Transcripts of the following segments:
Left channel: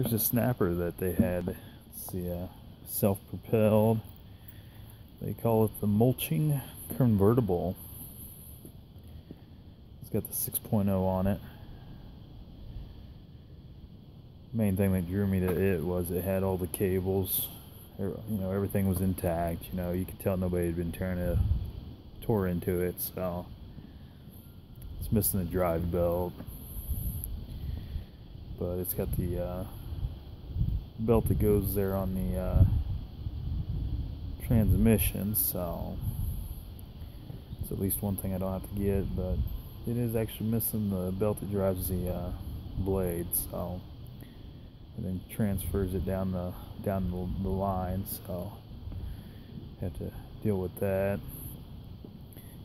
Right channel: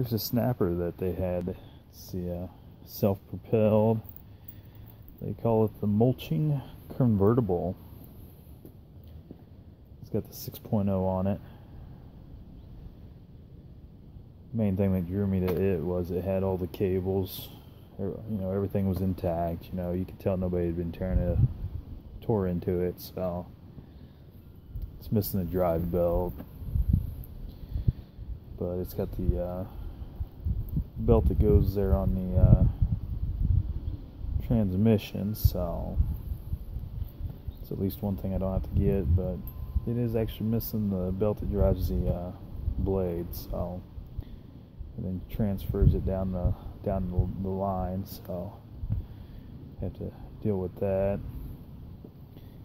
Here's a snapper that they had. It's the self-propelled. They call it the mulching convertible. It's got the 6.0 on it. Main thing that drew me to it was it had all the cables. You know, everything was intact. You know, you could tell nobody had been tore into it. So it's missing the drive belt, but it's got the belt that goes there on the transmission. So it's at least one thing I don't have to get, but it is actually missing the belt that drives the blade. So and then transfers it down the line. So have to deal with that.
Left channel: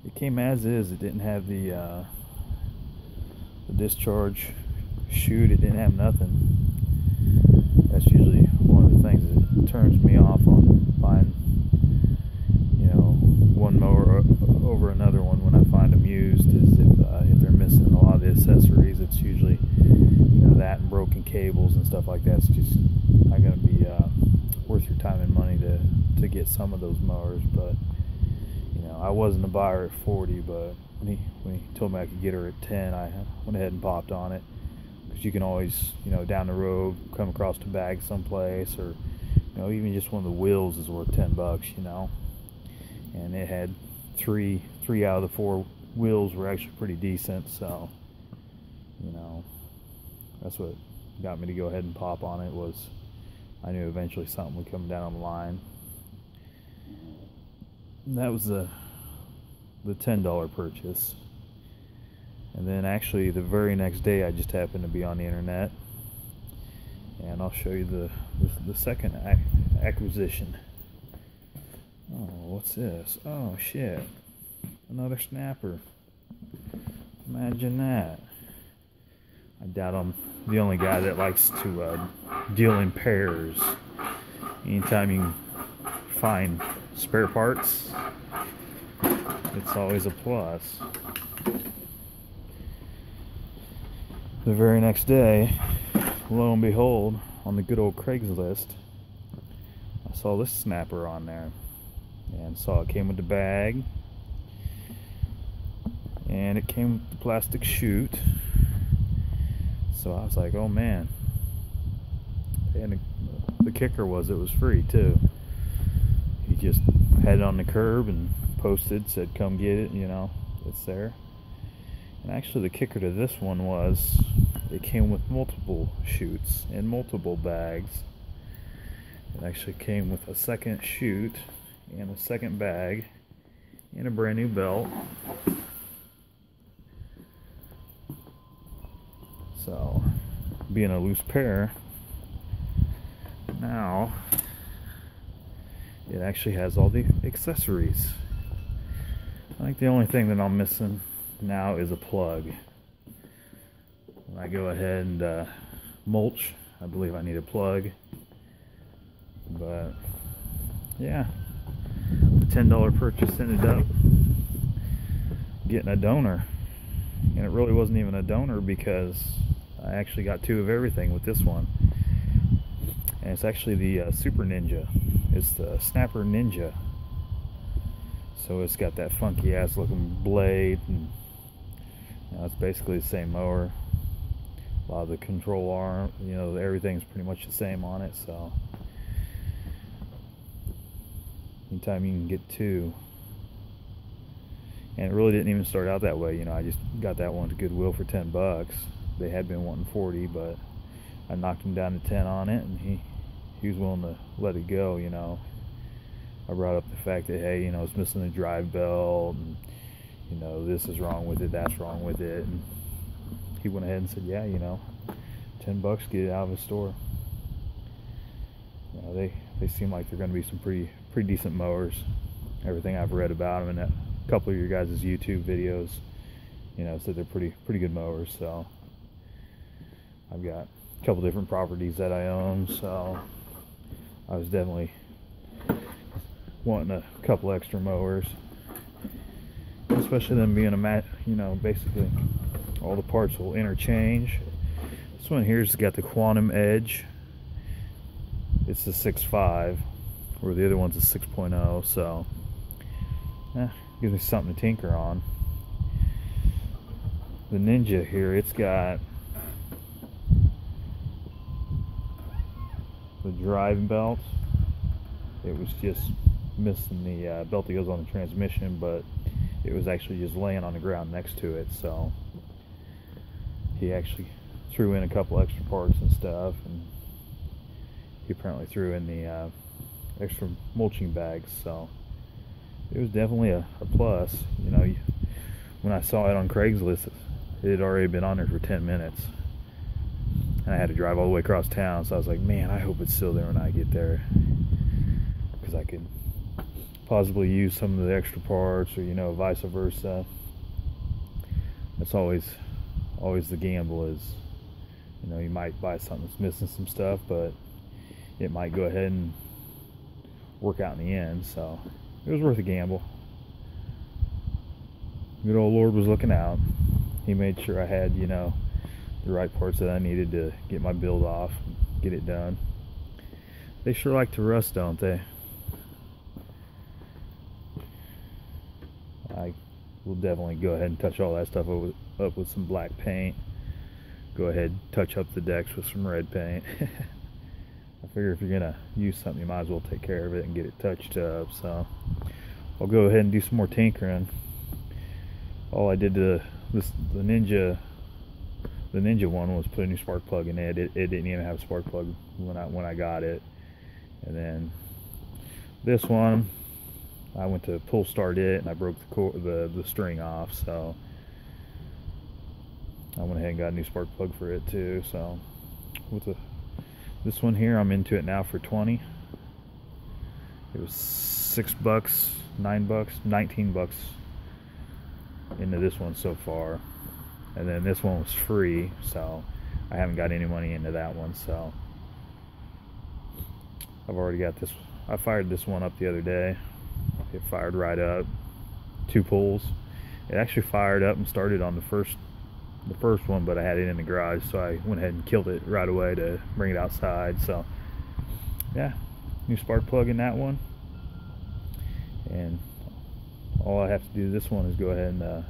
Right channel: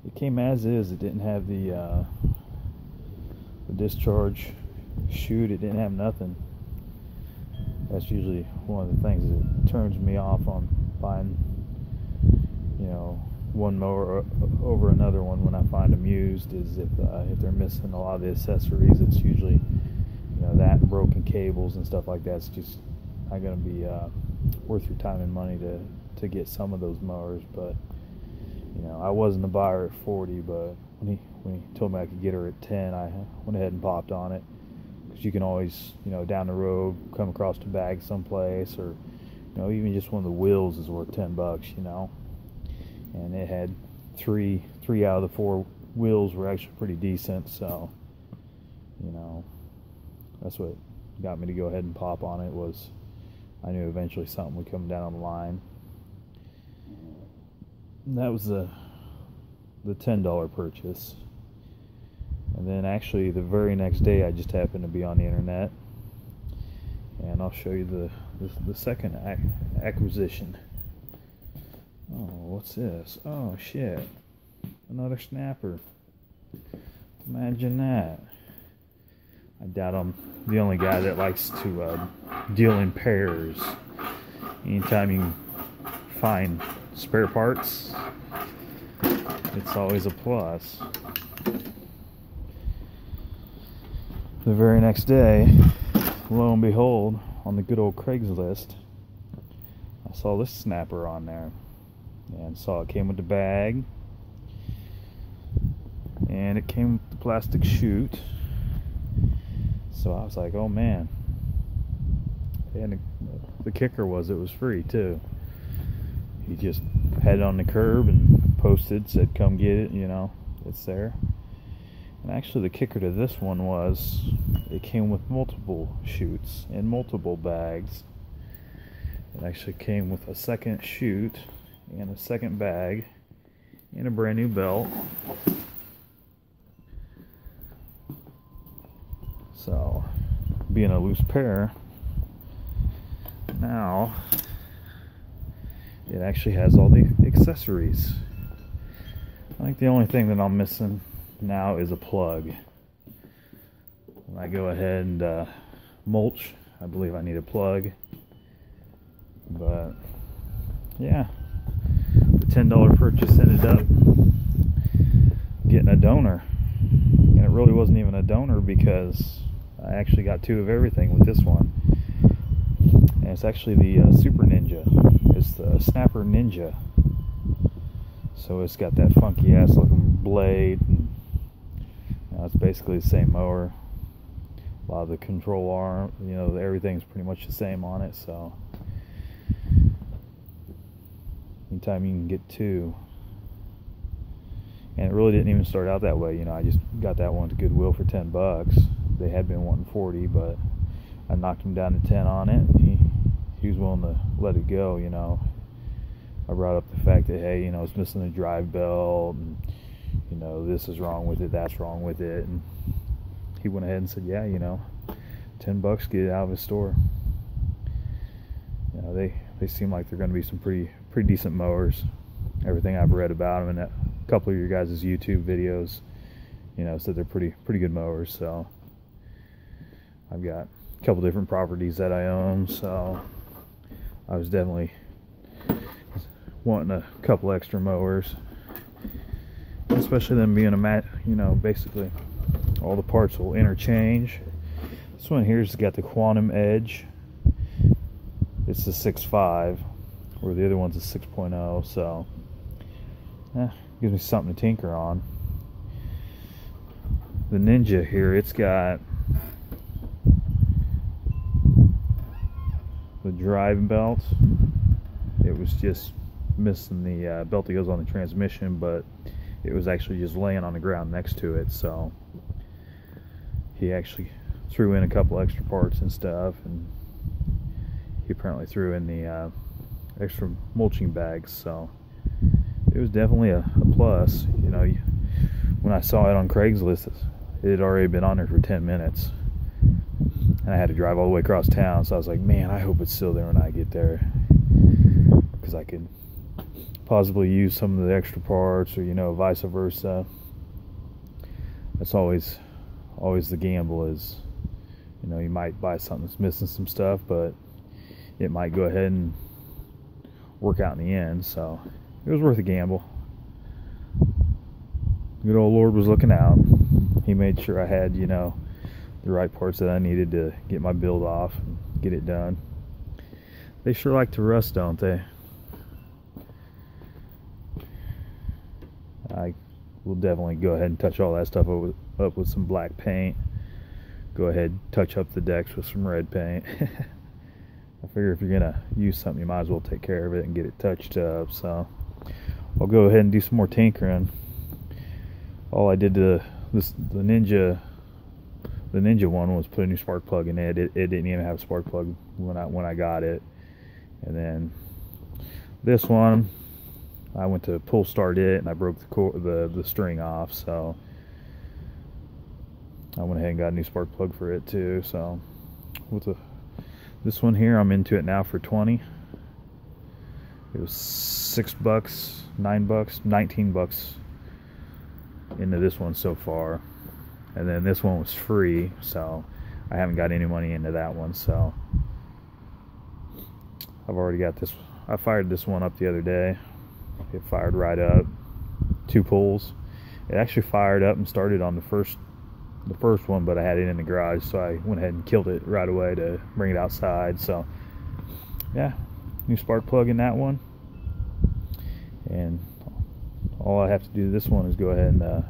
It came as is. It didn't have the discharge chute. It didn't have nothing. That's usually one of the things that turns me off on buying, you know, one mower over another one when I find them used, is if they're missing a lot of the accessories. It's usually, you know, that and broken cables and stuff like that. It's just not going to be worth your time and money to get some of those mowers. But you know, I wasn't a buyer at 40, but when he told me I could get her at 10, I went ahead and popped on it, because you can always, you know, down the road come across a bag someplace, or you know, even just one of the wheels is worth $10, you know. And it had three out of the 4 wheels were actually pretty decent. So you know, that's what got me to go ahead and pop on it. Was I knew eventually something would come down the line. And that was the $10 purchase. And then actually the very next day I just happened to be on the internet, and I'll show you the second acquisition. Oh, what's this? Oh shit, another snapper. Imagine that. I doubt I'm the only guy that likes to deal in pairs. Anytime you can find spare parts, it's always a plus. The very next day, lo and behold, on the good old Craigslist, I saw this snapper on there, and saw it came with the bag, and it came with the plastic chute. So I was like, oh man. And the kicker was it was free too. He just had it on the curb and posted, said come get it, you know, it's there. And actually the kicker to this one was it came with multiple chutes and multiple bags. It actually came with a second chute and a second bag and a brand new belt. So being a loose pair, now it actually has all the accessories. I think the only thing that I'm missing now is a plug. When I go ahead and mulch, I believe I need a plug. But yeah, the $10 purchase ended up getting a donor, and it really wasn't even a donor, because I actually got 2 of everything with this one. And it's actually the Super Ninja. It's the Snapper Ninja. So it's got that funky ass looking blade, and you know, it's basically the same mower. A lot of the control arm, you know, everything's pretty much the same on it. So anytime you can get 2. And it really didn't even start out that way, you know. I just got that one to Goodwill for $10. They had been wanting 40, but I knocked him down to 10 on it, and he was willing to let it go, you know. I brought up the fact that, hey, you know, it's missing the drive belt, and you know, this is wrong with it, that's wrong with it, and he went ahead and said, yeah, you know, $10, get it out of his store. You know, they seem like they're going to be some pretty decent mowers. Everything I've read about them, and a couple of your guys' YouTube videos, you know, said they're pretty good mowers. So I've got a couple different properties that I own, so I was definitely wanting a couple extra mowers, especially them being a mat, you know, basically all the parts will interchange. This one here's got the Quantum Edge It's the 6.5, where the other one's a 6.0, so gives me something to tinker on. The Ninja here, it's got the driving belts. It was just missing the belt that goes on the transmission, but it was actually just laying on the ground next to it, so he actually threw in a couple extra parts and stuff, and he apparently threw in the extra mulching bags, so it was definitely a plus. You know, when I saw it on Craigslist, it had already been on there for 10 minutes, and I had to drive all the way across town, so I was like, man, I hope it's still there when I get there, because I could possibly use some of the extra parts, or, you know, vice versa. That's always the gamble, is, you know, you might buy something that's missing some stuff, but it might go ahead and work out in the end. So it was worth a gamble. Good old Lord was looking out. He made sure I had, you know, the right parts that I needed to get my build off and get it done. They sure like to rust, don't they? I will definitely go ahead and touch all that stuff up with some black paint. Go ahead and touch up the decks with some red paint. I figure if you're gonna use something, you might as well take care of it and get it touched up. So I'll go ahead and do some more tinkering. All I did to the Ninja one was put a new spark plug in it. It didn't even have a spark plug when I got it. And then this one, I went to pull start it and I broke the string off, so I went ahead and got a new spark plug for it too. So with this one here, I'm into it now for 20. It was $6, $9, $19 into this one so far, and then this one was free, so I haven't got any money into that one. So I've already got this. I fired this one up the other day. It fired right up, 2 pulls. It actually fired up and started on the first one, but I had it in the garage, so I went ahead and killed it right away to bring it outside. So yeah, new spark plug in that one, and all I have to do to this one is go ahead and a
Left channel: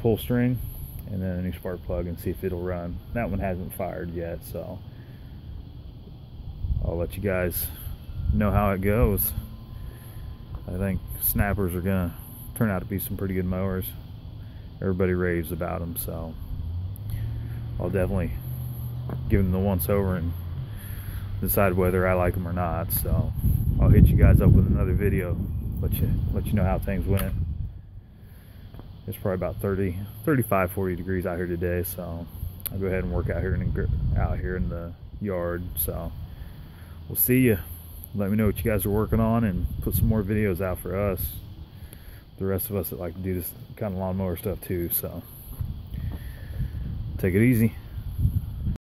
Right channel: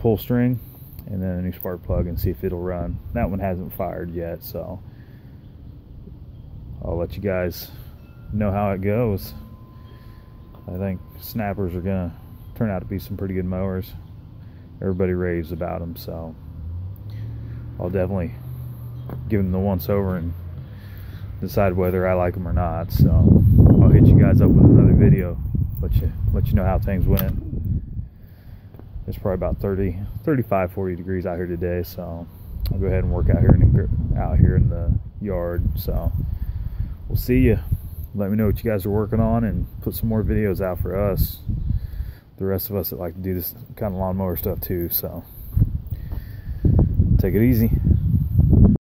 pull string and then a new spark plug and see if it'll run. That one hasn't fired yet, so I'll let you guys know how it goes. I think snappers are gonna turn out to be some pretty good mowers. Everybody raves about them, so I'll definitely give them the once over and decide whether I like them or not. So I'll hit you guys up with another video, let you know how things went. It's probably about 35-40 degrees out here today, so I'll go ahead and work out here in the yard. So we'll see you. Let me know what you guys are working on and put some more videos out for us, the rest of us that like to do this kind of lawnmower stuff too. So take it easy.